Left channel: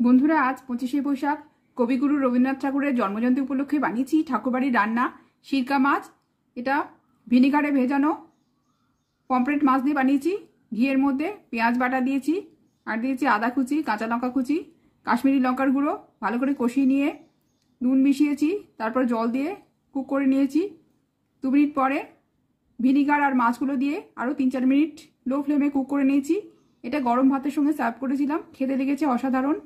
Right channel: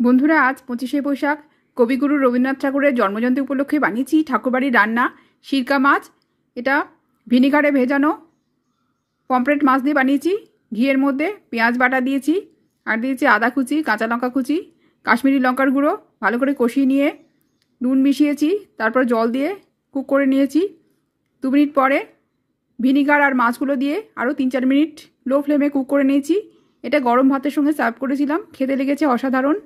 বন্ধুরা, আজ 25শে বৈশাখ কবিগুরু রবীন্দ্রনাথ ঠাকুরের জন্মজয়ন্তী উপলক্ষে বানিয়েছি ঠাকুরবাড়ির রান্না সিরকা মাছ। এটা ভিনিগারে ভেজানো পমফ্রেট মাছ দিয়ে বানিয়েছি। ঘিয়ের মধ্যে পেঁয়াজ বাটা দিয়েছি, আর দিয়েছি আদা কুচি, কাঁচা লঙ্কা কুচি, কাশ্মীরি লঙ্কার গুঁড়ো। ভালো করে কষিয়ে নিয়ে নুন মিশিয়েছি, তারপর জল দিয়ে কুক করে নিয়েছি। 2 মিনিট পরে ভিনিগার আর মাছগুলো দিয়ে আরও 3-4 মিনিট লো ফ্লেমে কুক করে নিয়েছি। এটা গরম ভাতের সঙ্গে সার্ভ করেছিলাম, খেতে লেগেছে অসাধারণ।